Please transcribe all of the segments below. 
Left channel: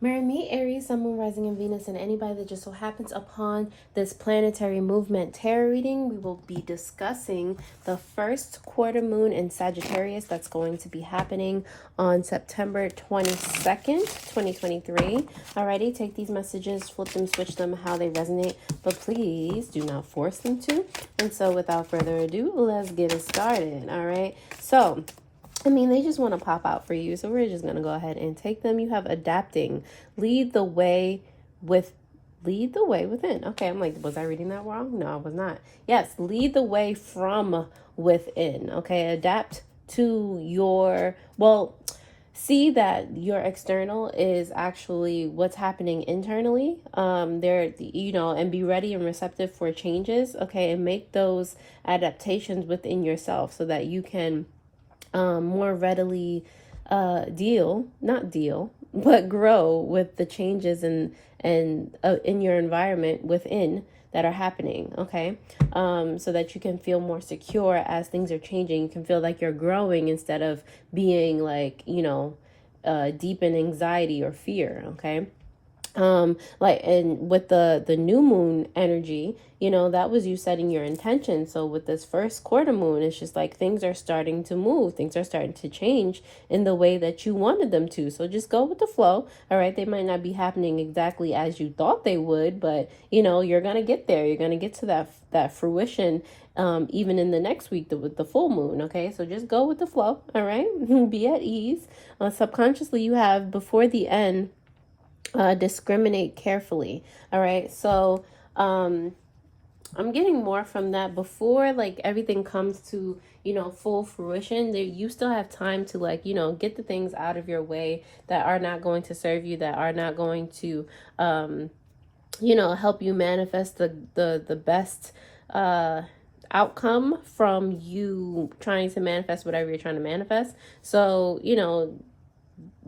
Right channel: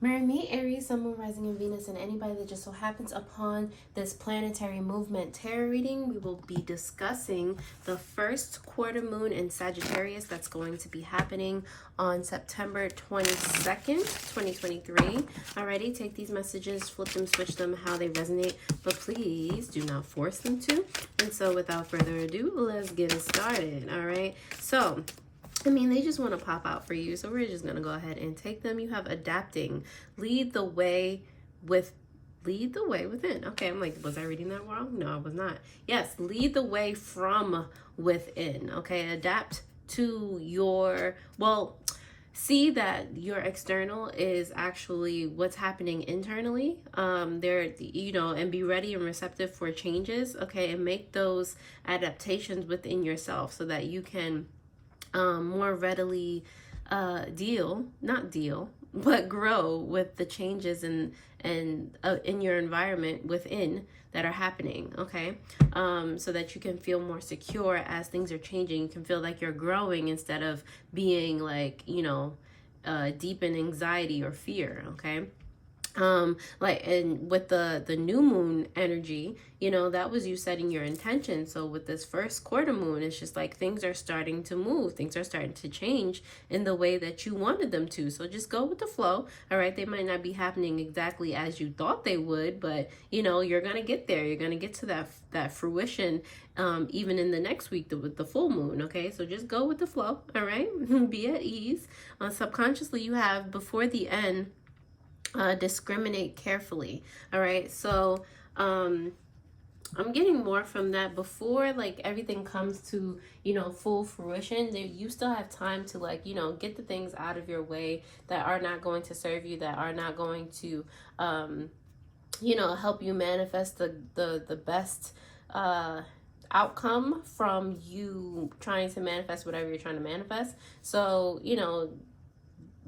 Marry me, Aries, Sun, Moon, Rising, and Venus, and anybody that just so happens upon this planetary movement tarot reading. We will be discussing the first quarter moon in Sagittarius that's going to be happening on September 22nd, 2023. Alrighty, take these messages, flip them, switch them how they resonate, but please do not force them to. And so without further ado, let's get it started. Alright, so I mean, they just want to pop out for you. So we're just going to go ahead and take them. You have adapting. Lead the way within. Okay, I'm like, was I reading that wrong? No, I was not. Yes, lead the way from within. Okay, adapt to your, well, see that your external is actually what's happening internally. There, you know, and be ready and receptive for changes. Okay, and make those adaptations within yourself so that you can more readily but grow with the changes and in your environment within that are happening. Okay, so that you can feel more secure as things are changing. You can feel like you're growing instead of being like, you know, deep in anxiety or fear. Okay, like, and with the new moon energy, you know, that was you setting your intention. So with this first quarter moon, it's just like things are starting to move, things are starting to change in the way that you wanted them to. So just go with the flow. All right, they might not be happening exactly as you thought they would, but you know, you're gonna get there. You're gonna get to that fruition, even in the next week with the full moon. Okay, so just go with the flow. All right, be at ease. Subconsciously, you have before the end, discriminate carefully. All right, so I'm getting more from that before like everything comes to, you know, full fruition. You still have time to, like, you know, get the things out of your way that are not going to serve you, that are not going to you know, help you manifest the best outcome from you trying to manifest whatever you're trying to manifest. So, you know,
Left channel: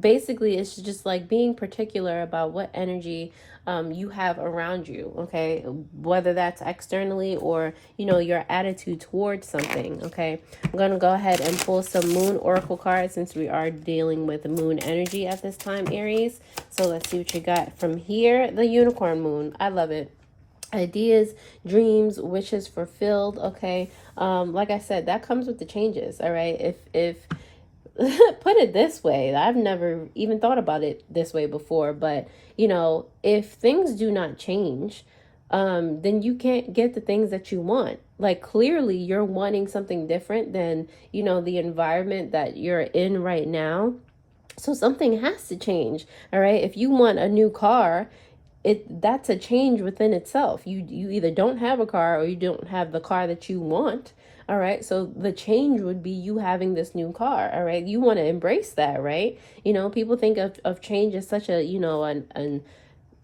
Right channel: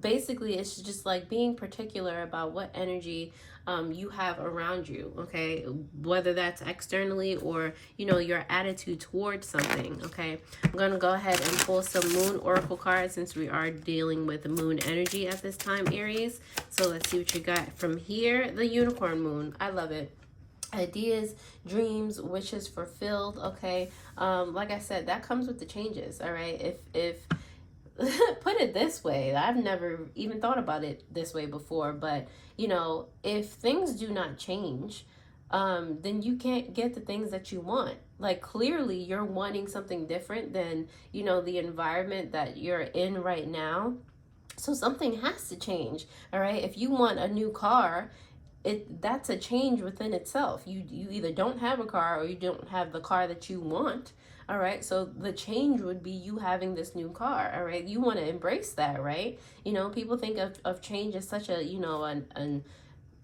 basically it's just like being particular about what energy you have around you. Okay, whether that's externally or, you know, your attitude towards something. Okay, I'm gonna go ahead and pull some moon oracle cards since we are dealing with moon energy at this time, Aries. So let's see what you got from here. The unicorn moon, I love it. Ideas, dreams, wishes fulfilled. Okay, like I said, that comes with the changes. All right, if put it this way, I've never even thought about it this way before, but you know, if things do not change, then you can't get the things that you want. Like, clearly you're wanting something different than, you know, the environment that you're in right now. So something has to change. All right, if you want a new car, that's a change within itself. You either don't have a car or you don't have the car that you want. All right, so the change would be you having this new car. All right, you want to embrace that, right? You know, people think of change as such a, you know, an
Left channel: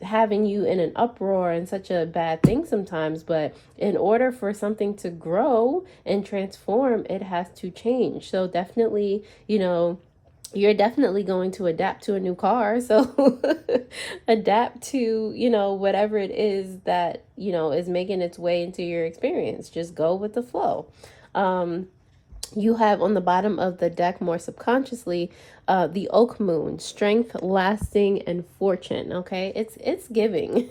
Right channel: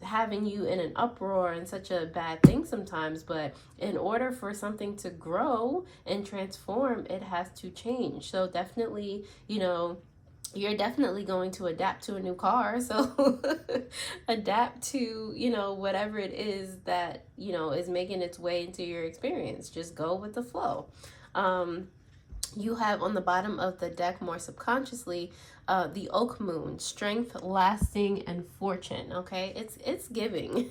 having you in an uproar and such a bad thing sometimes, but in order for something to grow and transform, it has to change. So definitely, you know, you're definitely going to adapt to a new car. So adapt to, you know, whatever it is that, you know, is making its way into your experience. Just go with the flow. You have on the bottom of the deck, more subconsciously, the oak moon, strength, lasting, and fortune. Okay, it's giving.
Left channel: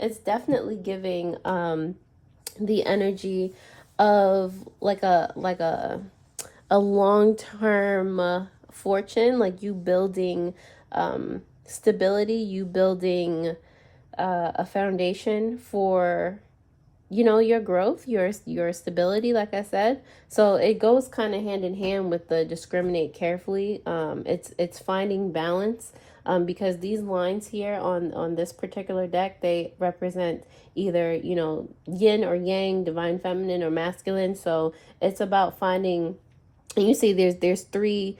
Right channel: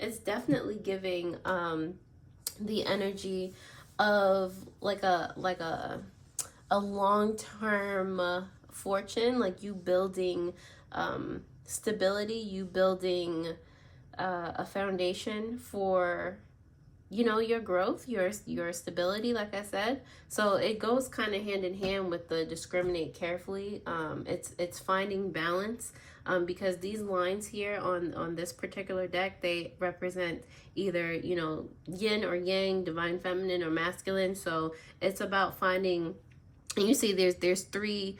It's definitely giving the energy of like a long-term fortune, like you building stability, you building a foundation for, you know, your growth, your stability, like I said. So it goes kind of hand in hand with the discriminate carefully. It's finding balance, because these lines here on this particular deck, they represent either, you know, yin or yang, divine feminine or masculine. So it's about finding, and you see there's three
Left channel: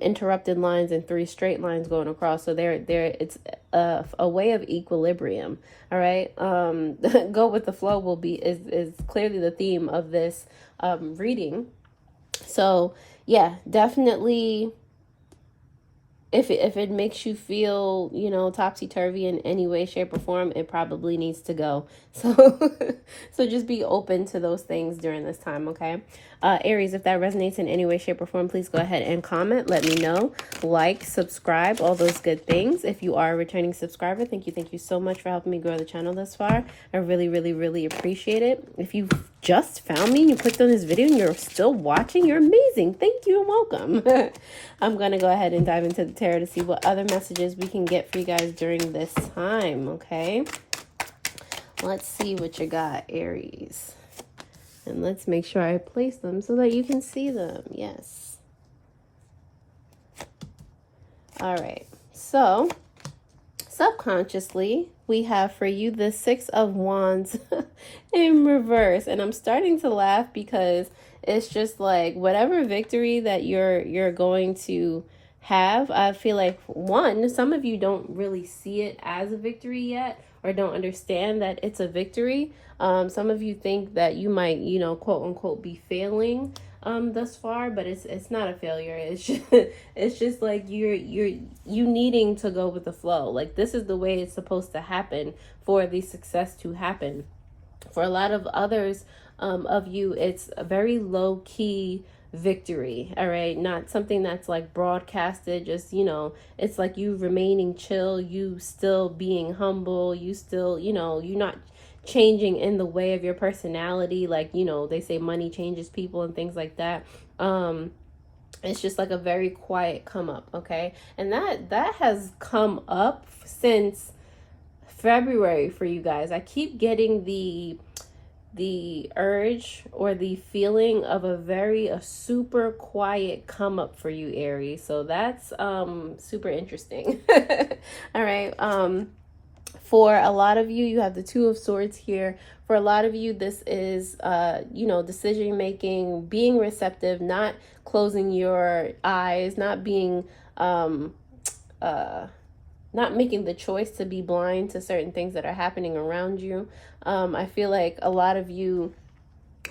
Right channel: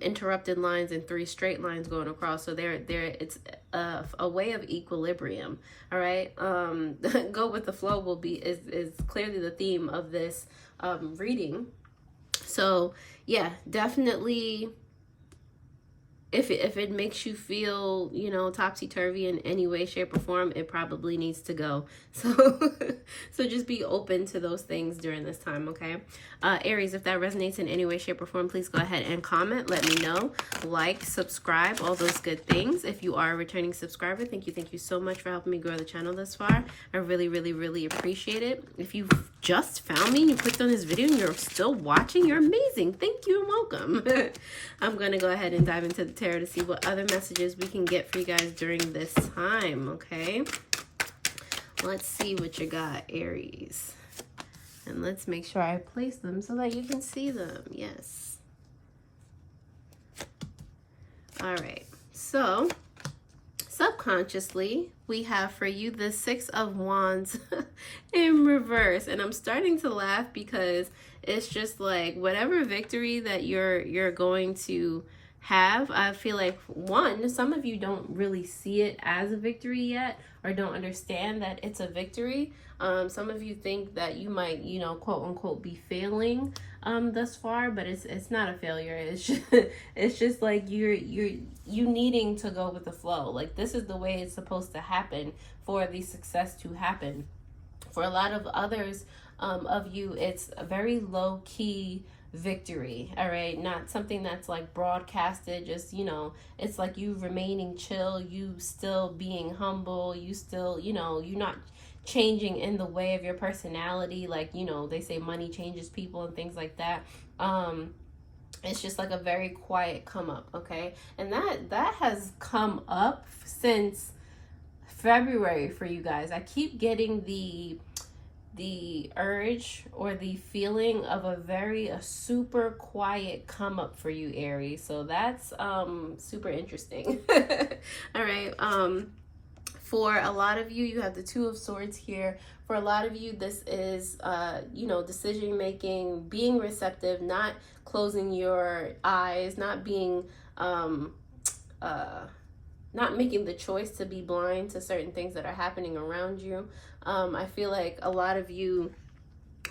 interrupted lines and three straight lines going across. So there it's a way of equilibrium. All right, go with the flow will be is clearly the theme of this reading. So yeah, definitely if it makes you feel, you know, topsy-turvy in any way, shape, or form, it probably needs to go. So so just be open to those things during this time, okay? Aries, if that resonates in any way, shape, or form, please go ahead and comment. Let me know. Like, subscribe, all those good things. If you are a returning subscriber, thank you so much for helping me grow the channel thus far. I really, really, really appreciate it. If you just found me and you clicked on this video and you're still watching, you're amazing. Thank you and welcome. I'm going to go ahead and dive into the tarot to see what other messages we can get for you guys during this time, okay? Let's see what you got, Aries. And let's make sure I place them so that you can see them. Yes. All right. So, subconsciously, we have for you the Six of Wands in reverse. And I'm starting to laugh because it's just like whatever victory that you're going to have, I feel like, one, some of you don't really see it as a victory yet, or don't understand that it's a victory. Some of you think that you might, you know, quote unquote, be failing thus far, but it's not a failure. It's just like you needing to go with the flow. Like, this is the way it's supposed to happen for the success to happen. For a lot of others of you, it's a very low key victory, all right? Not something that's like broadcasted, just, you know, it's like you remaining chill, you still being humble, you still, you know, you're not changing in the way of your personality. Like, you know, they say money changes people and things like that. It's just like a very quiet come up, okay? And that has come up since February for you guys. I keep getting the urge or the feeling of a super quiet come up for you, Aries. So that's super interesting. All right. For a lot of you, you have the Two of Swords here. For a lot of you, this is you know, decision making, being receptive, not closing your eyes, not being not making the choice to be blind to certain things that are happening around you. I feel like a lot of you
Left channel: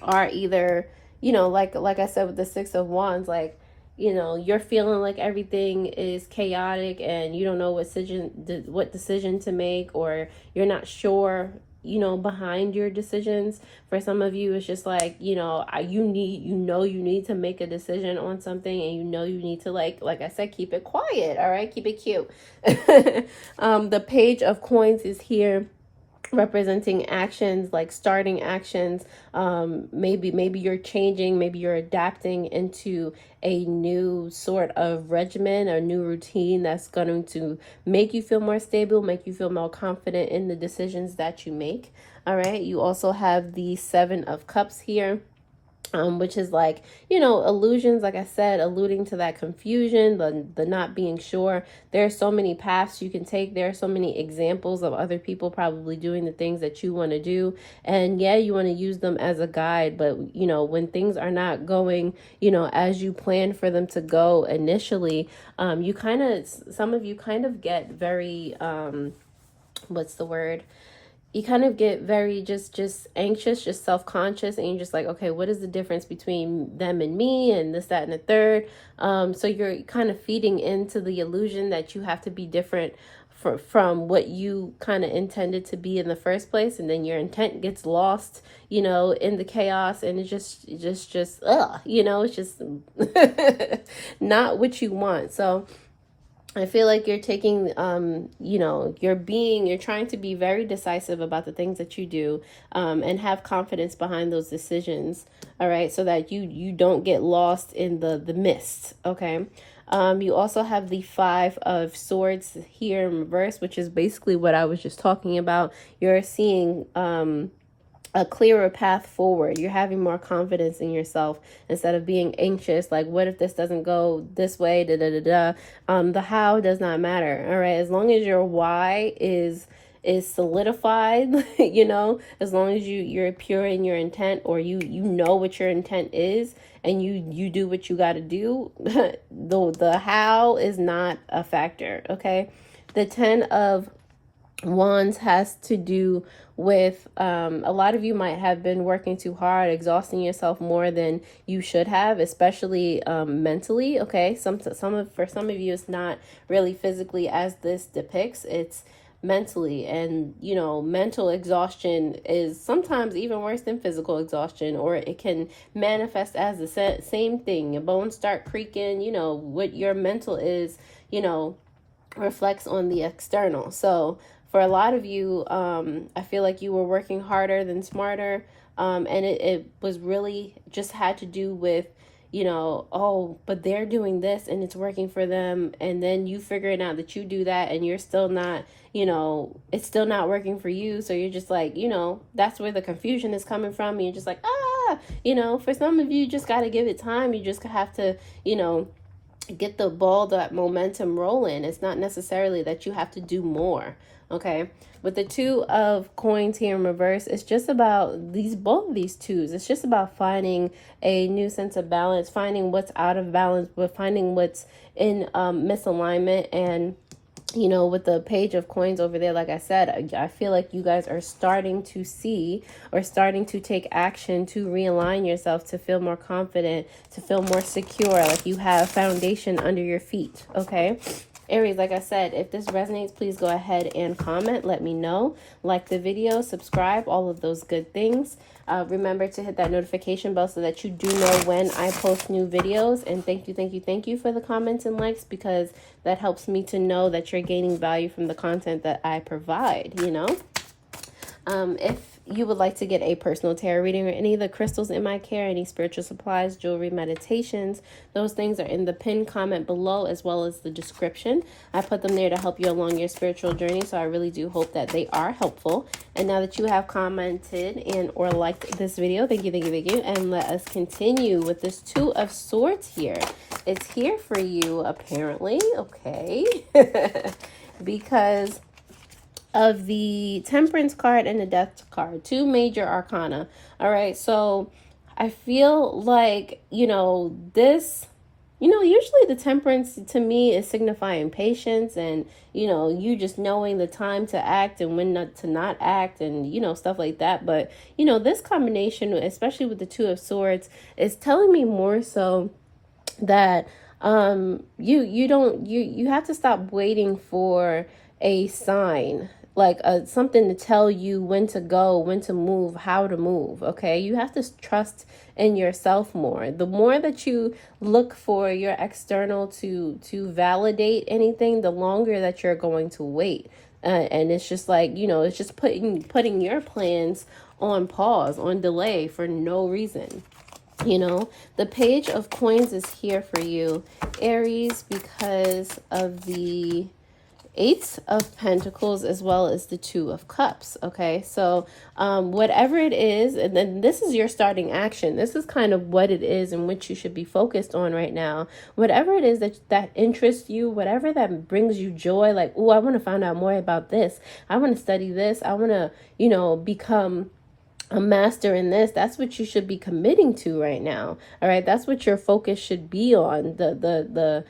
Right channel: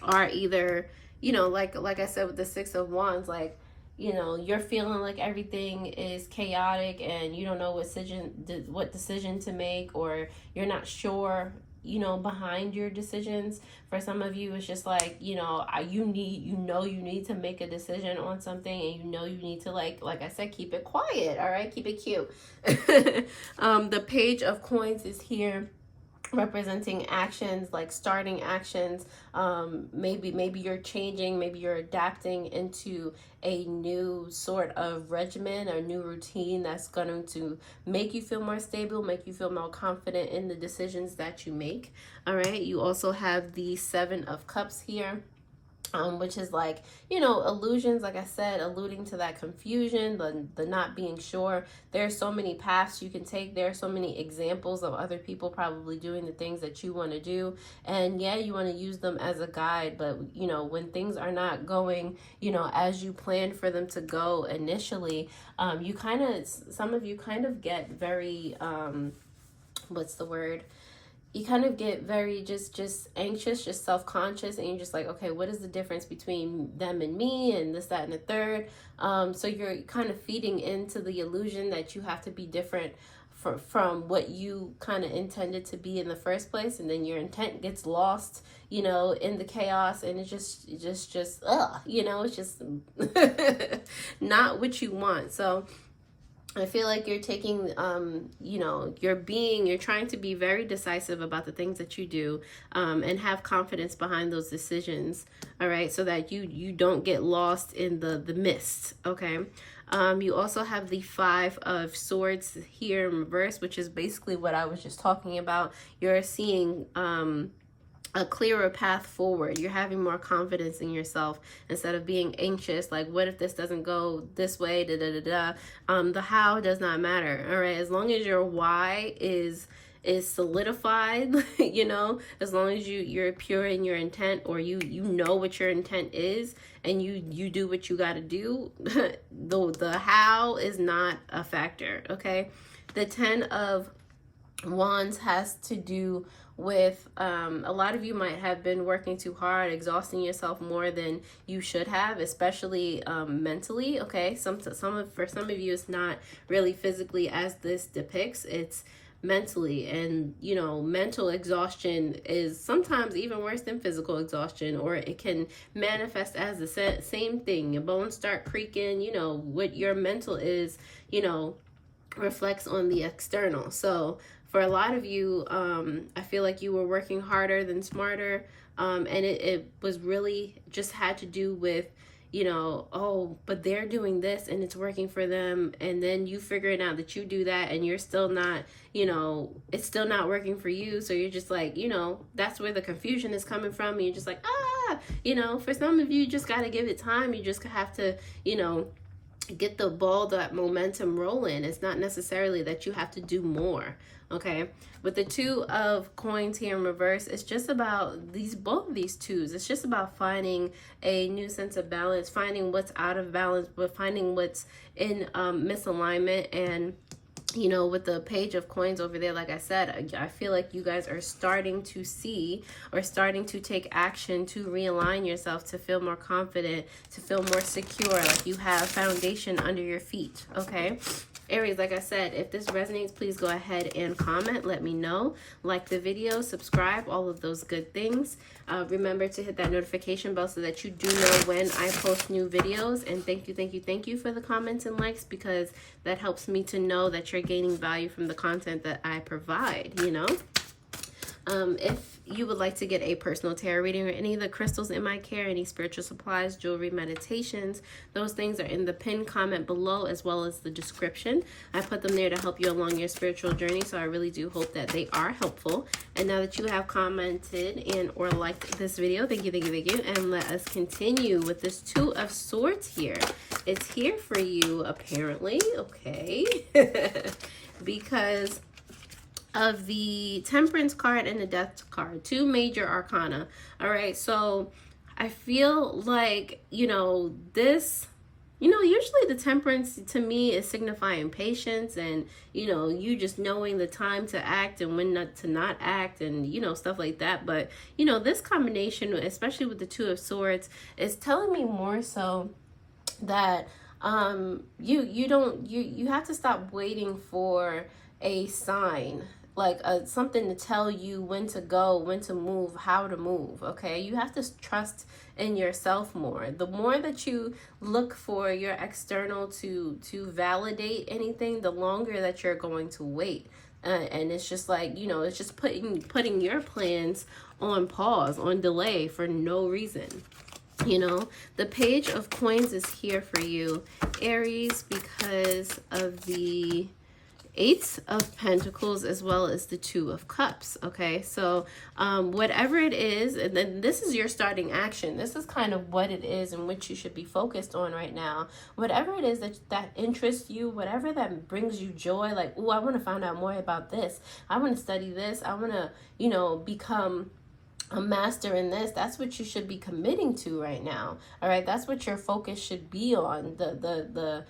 are either, you know, like I said with the Six of Wands, like, you know, you're feeling like everything is chaotic and you don't know what decision to make, or you're not sure, you know, behind your decisions. For some of you, it's just like, you know, you need to make a decision on something, and you need to, like I said, keep it quiet. All right, keep it cute. The Page of Coins is here, representing actions, like starting actions. Maybe you're changing, maybe you're adapting into a new sort of regimen or new routine that's going to make you feel more stable, make you feel more confident in the decisions that you make. All right, you also have the Seven of Cups here, which is like, you know, illusions, like I said, alluding to that confusion, the not being sure. There are so many paths you can take. There are so many examples of other people probably doing the things that you want to do. And yeah, you want to use them as a guide, but, you know, when things are not going, you know, as you plan for them to go initially, some of you kind of get very, what's the word? You kind of get very just anxious, just self-conscious, and you're just like, okay, what is the difference between them and me, and this, that, and the third? So you're kind of feeding into the illusion that you have to be different from what you kind of intended to be in the first place, and then your intent gets lost, you know, in the chaos, and it's just you know, it's just not what you want. So I feel like you're taking, you know, you're trying to be very decisive about the things that you do, and have confidence behind those decisions. All right. So that you don't get lost in the mist. Okay. You also have the Five of Swords here in reverse, which is basically what I was just talking about. You're seeing, a clearer path forward. You're having more confidence in yourself instead of being anxious, like, what if this doesn't go this way, the how does not matter. All right, as long as your why is solidified, you know, as long as you're pure in your intent, or you know what your intent is, and you do what you got to do, the how is not a factor. Okay. The Ten of Wands has to do with a lot of you might have been working too hard, exhausting yourself more than you should have, especially mentally. Okay, for some of you, it's not really physically as this depicts. It's mentally, and you know, mental exhaustion is sometimes even worse than physical exhaustion, or it can manifest as the same thing. Your bones start creaking. You know what your mental is, you know, reflects on the external. So for a lot of you, I feel like you were working harder than smarter, and it was really just had to do with, you know, oh, but they're doing this and it's working for them, and then you figuring out that you do that and you're still not, you know, it's still not working for you. So you're just like, you know, that's where the confusion is coming from, and you're just like, you know, for some of you, just got to give it time. You just have to, you know, get the ball, that momentum rolling. It's not necessarily that you have to do more. Okay, with the Two of Coins here in reverse, it's just about both of these twos. It's just about finding a new sense of balance, finding what's out of balance, but finding what's in misalignment. And you know, with the Page of Coins over there, like I said, I feel like you guys are starting to see or starting to take action to realign yourself, to feel more confident, to feel more secure, like you have foundation under your feet. Okay, Aries, like I said, if this resonates, please go ahead and comment. Let me know. Like the video, subscribe, all of those good things. Remember to hit that notification bell so that you do know when I post new videos. And thank you for the comments and likes, because that helps me to know that you're gaining value from the content that I provide, you know. If you would like to get a personal tarot reading or any of the crystals in my care, any spiritual supplies, jewelry, meditations, those things are in the pinned comment below, as well as the description. I put them there to help you along your spiritual journey, so I really do hope that they are helpful. And now that you have commented and or liked this video, thank you, and let us continue with this Two of Swords here. It's here for you, apparently, okay, because of the Temperance card and the Death card, two major arcana. All right, so I feel like, you know, this, you know, usually the Temperance to me is signifying patience and, you know, you just knowing the time to act and when not to not act, and, you know, stuff like that. But, you know, this combination, especially with the Two of Swords, is telling me more so that you have to stop waiting for a sign, like something to tell you when to go, when to move, how to move. Okay, you have to trust in yourself more. The more that you look for your external to validate anything, the longer that you're going to wait. And it's just like, you know, it's just putting your plans on pause, on delay for no reason. You know, the Page of Coins is here for you, Aries, because of the Eight of Pentacles as well as the Two of Cups. Okay, so whatever it is, and then this is your starting action. This is kind of what it is and what you should be focused on right now. Whatever it is that interests you, whatever that brings you joy, like, oh, I want to find out more about this, I want to study this, I want to, you know, become a master in this. That's what you should be committing to right now. All right, that's what your focus should be on. The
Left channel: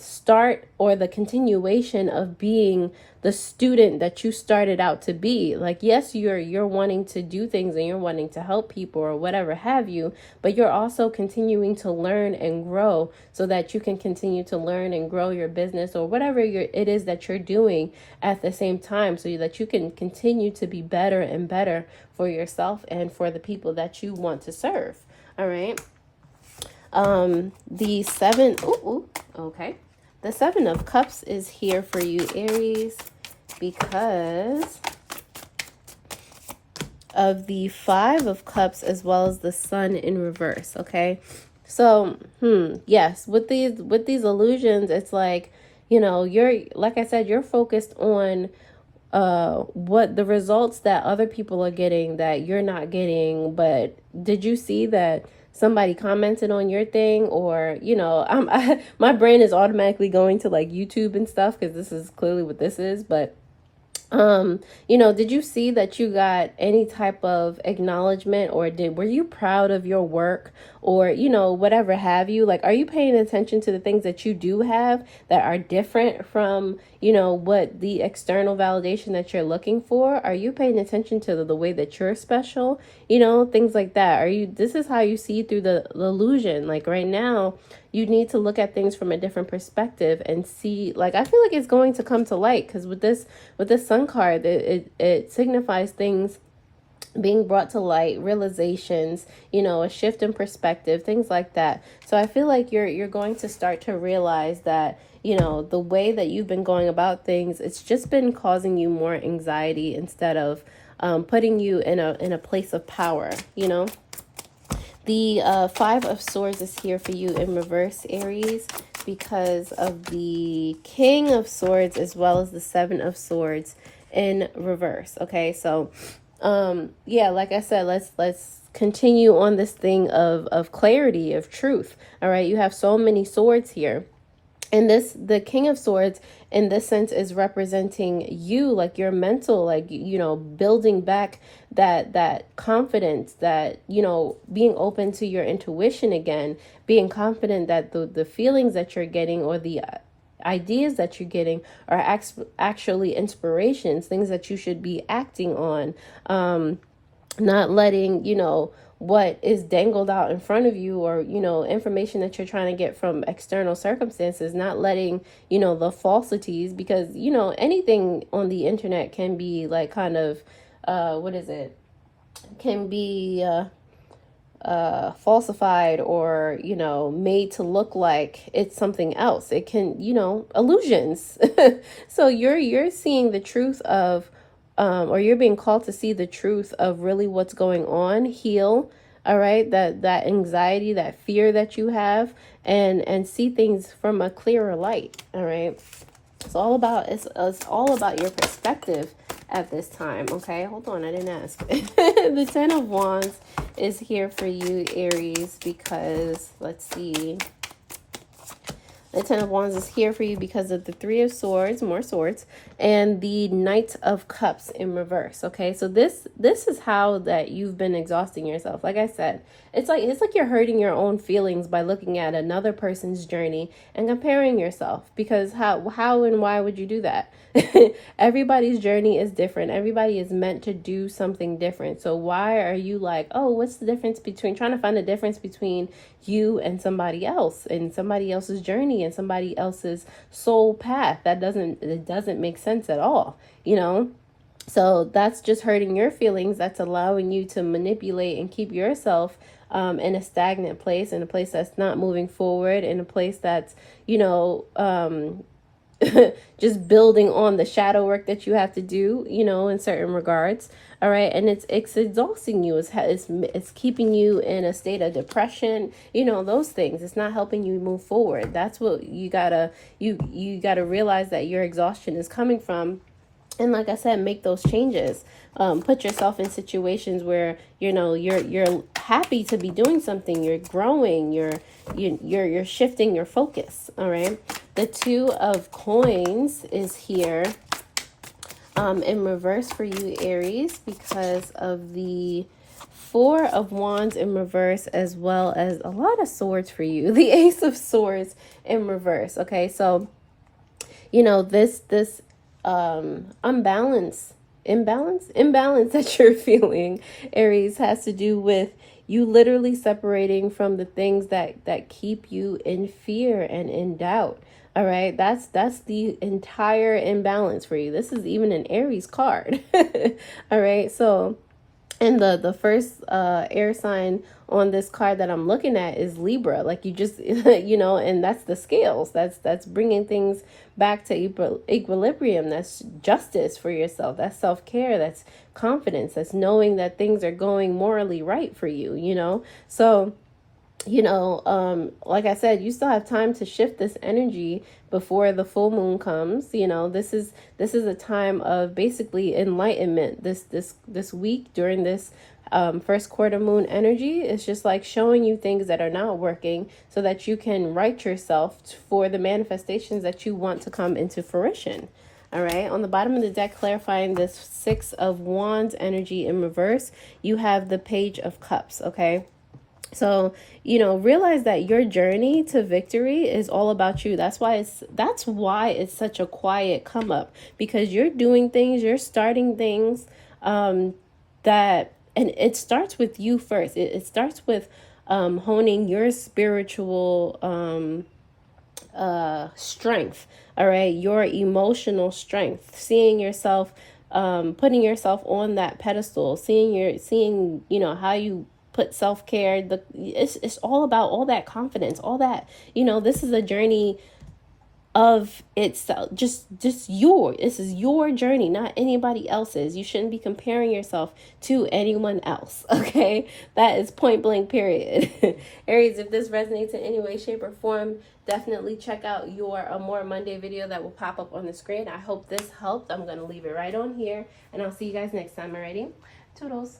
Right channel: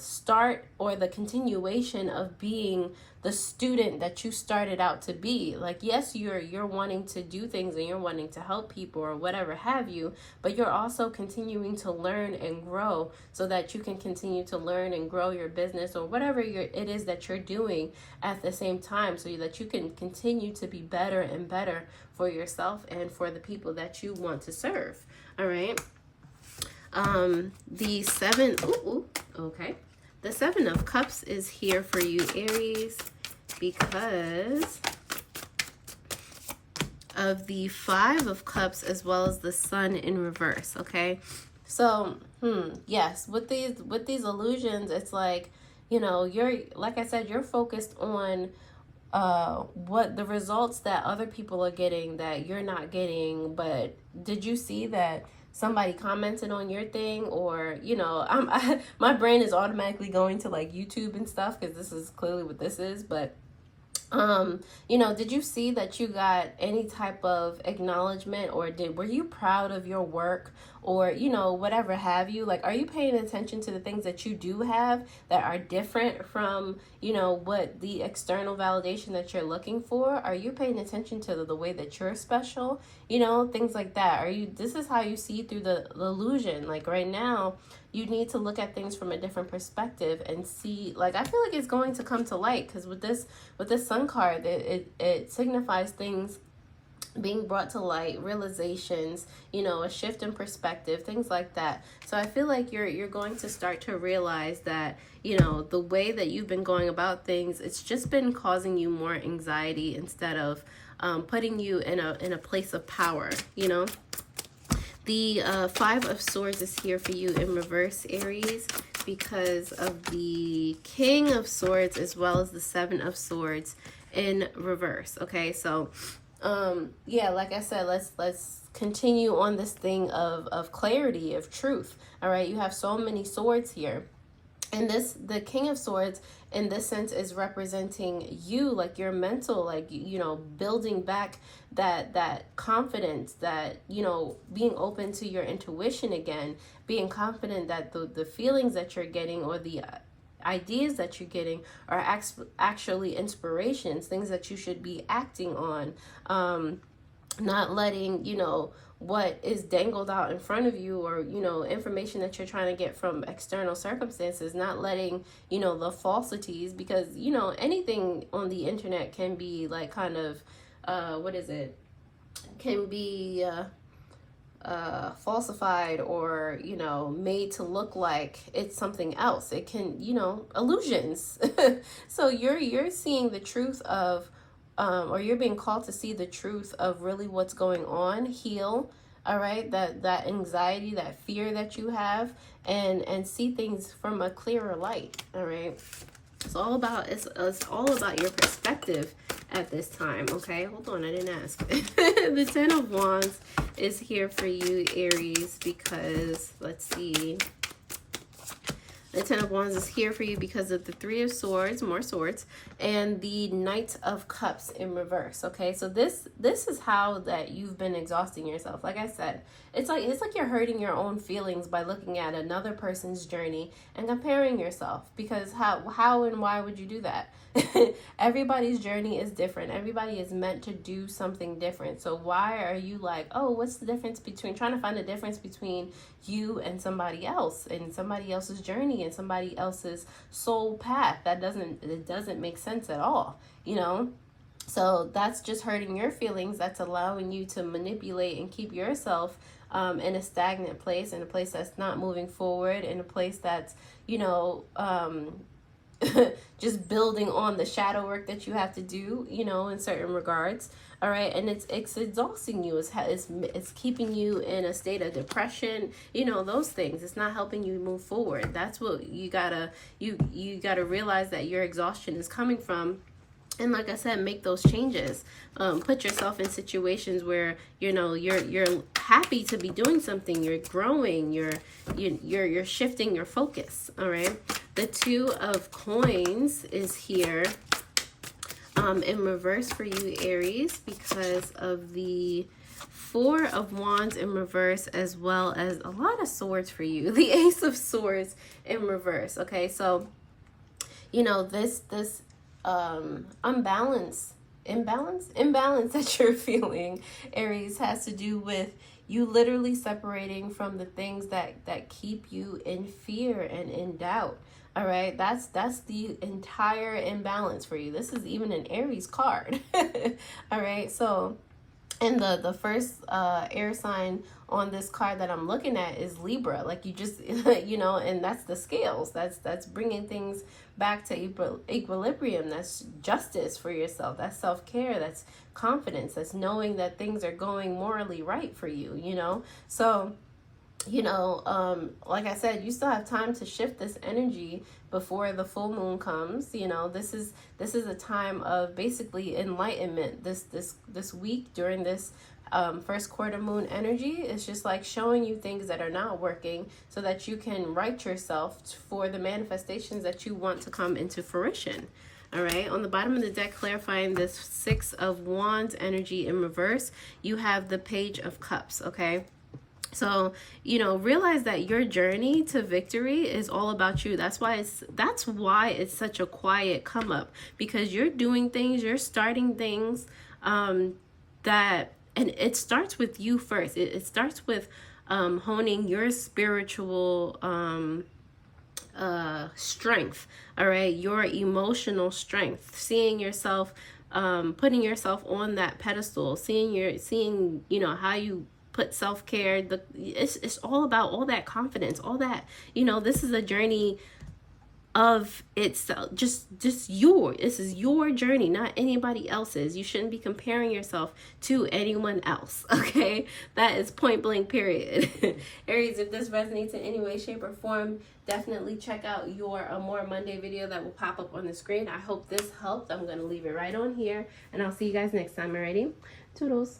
start or the continuation of being the student that you started out to be. Like, yes, you're wanting to do things and you're wanting to help people or whatever have you, but you're also continuing to learn and grow so that you can continue to learn and grow your business or whatever it is that you're doing at the same time, so that you can continue to be better and better for yourself and for the people that you want to serve. All right. The Seven of Cups is here for you, Aries, because of the Five of Cups as well as the Sun in reverse. Okay, so yes, with these illusions, it's like, you know, you're, like I said, you're focused on what the results that other people are getting that you're not getting. But did you see that somebody commented on your thing? Or, you know, my brain is automatically going to like YouTube and stuff, because this is clearly what this is. But you know, did you see that you got any type of acknowledgement, or were you proud of your work, or, you know, whatever have you? Like, are you paying attention to the things that you do have that are different from, you know, what the external validation that you're looking for? Are you paying attention to the way that you're special? You know, things like that. This is how you see through the illusion. Like right now, you need to look at things from a different perspective and see, like, I feel like it's going to come to light, because with this Sun card, it signifies things being brought to light, realizations, you know, a shift in perspective, things like that. So I feel like you're going to start to realize that, you know, the way that you've been going about things, it's just been causing you more anxiety instead of putting you in a place of power, you know. The Five of Swords is here for you in reverse, Aries, because of the King of Swords as well as the Seven of Swords in reverse. Okay, so yeah, like I said, let's continue on this thing of clarity, of truth. All right, you have so many swords here, and the King of Swords in this sense is representing you, like your mental, like, you know, building back that confidence, that, you know, being open to your intuition again, being confident that the feelings that you're getting, or the ideas that you're getting, are actually inspirations, things that you should be acting on, not letting, you know, what is dangled out in front of you, or, you know, information that you're trying to get from external circumstances, not letting, you know, the falsities, because, you know, anything on the internet can be like kind of can be falsified, or, you know, made to look like it's something else. It can, you know, illusions. So you're seeing the truth of or you're being called to see the truth of really what's going on, heal, all right, that anxiety, that fear that you have, and see things from a clearer light. All right, it's all about your perspective at this time. Okay, hold on, I didn't ask. The Ten of Wands is here for you, Aries, because, let's see, the Ten of Wands is here for you because of the Three of Swords, more swords, and the Knight of Cups in reverse. Okay, so this is how that you've been exhausting yourself. Like I said, it's like you're hurting your own feelings by looking at another person's journey and comparing yourself, because how and why would you do that? Everybody's journey is different. Everybody is meant to do something different. So why are you like, oh, what's the difference between, trying to find the difference between you and somebody else, and somebody else's journey, and somebody else's soul path? It doesn't make sense at all, you know? So that's just hurting your feelings. That's allowing you to manipulate and keep yourself in a stagnant place, in a place that's not moving forward, in a place that's, you know, just building on the shadow work that you have to do, you know, in certain regards. All right, and it's exhausting you. It's keeping you in a state of depression, you know, those things. It's not helping you move forward. That's what you gotta realize, that your exhaustion is coming from. And like I said, make those changes. Put yourself in situations where, you know, you're happy to be doing something. You're growing. You're shifting your focus. All right. The Two of Coins is here in reverse for you, Aries, because of the Four of Wands in reverse, as well as a lot of swords for you. The Ace of Swords in reverse. Okay, so, you know, this imbalance that you're feeling, Aries, has to do with you literally separating from the things that keep you in fear and in doubt. All right, that's the entire imbalance for you. This is even an Aries card. All right, so, and the first air sign on this card that I'm looking at is Libra. Like, you just, you know, and that's the scales. That's bringing things back to equilibrium. That's justice for yourself. That's self-care. That's confidence. That's knowing that things are going morally right for you, you know? So, you know, like I said, you still have time to shift this energy before the full moon comes. You know, this is a time of basically enlightenment. This week, during this first quarter moon energy, is just like showing you things that are not working, so that you can right yourself for the manifestations that you want to come into fruition. All right, on the bottom of the deck, clarifying this Six of Wands energy in reverse, you have the Page of Cups. Okay, So, you know, realize that your journey to victory is all about you. That's why it's such a quiet come up, because you're doing things, you're starting things that, and it starts with you first. It starts with honing your spiritual strength, all right, your emotional strength, seeing yourself, putting yourself on that pedestal, seeing you know, how you put self-care. It's all about all that confidence, all that, you know, this is a journey of itself, just this is your journey, not anybody else's. You shouldn't be comparing yourself to anyone else, okay? That is point blank, period. Aries, if this resonates in any way, shape, or form, definitely check out your Amore Monday video that will pop up on the screen. I hope this helped. I'm going to leave it right on here, and I'll see you guys next time. Alrighty, toodles.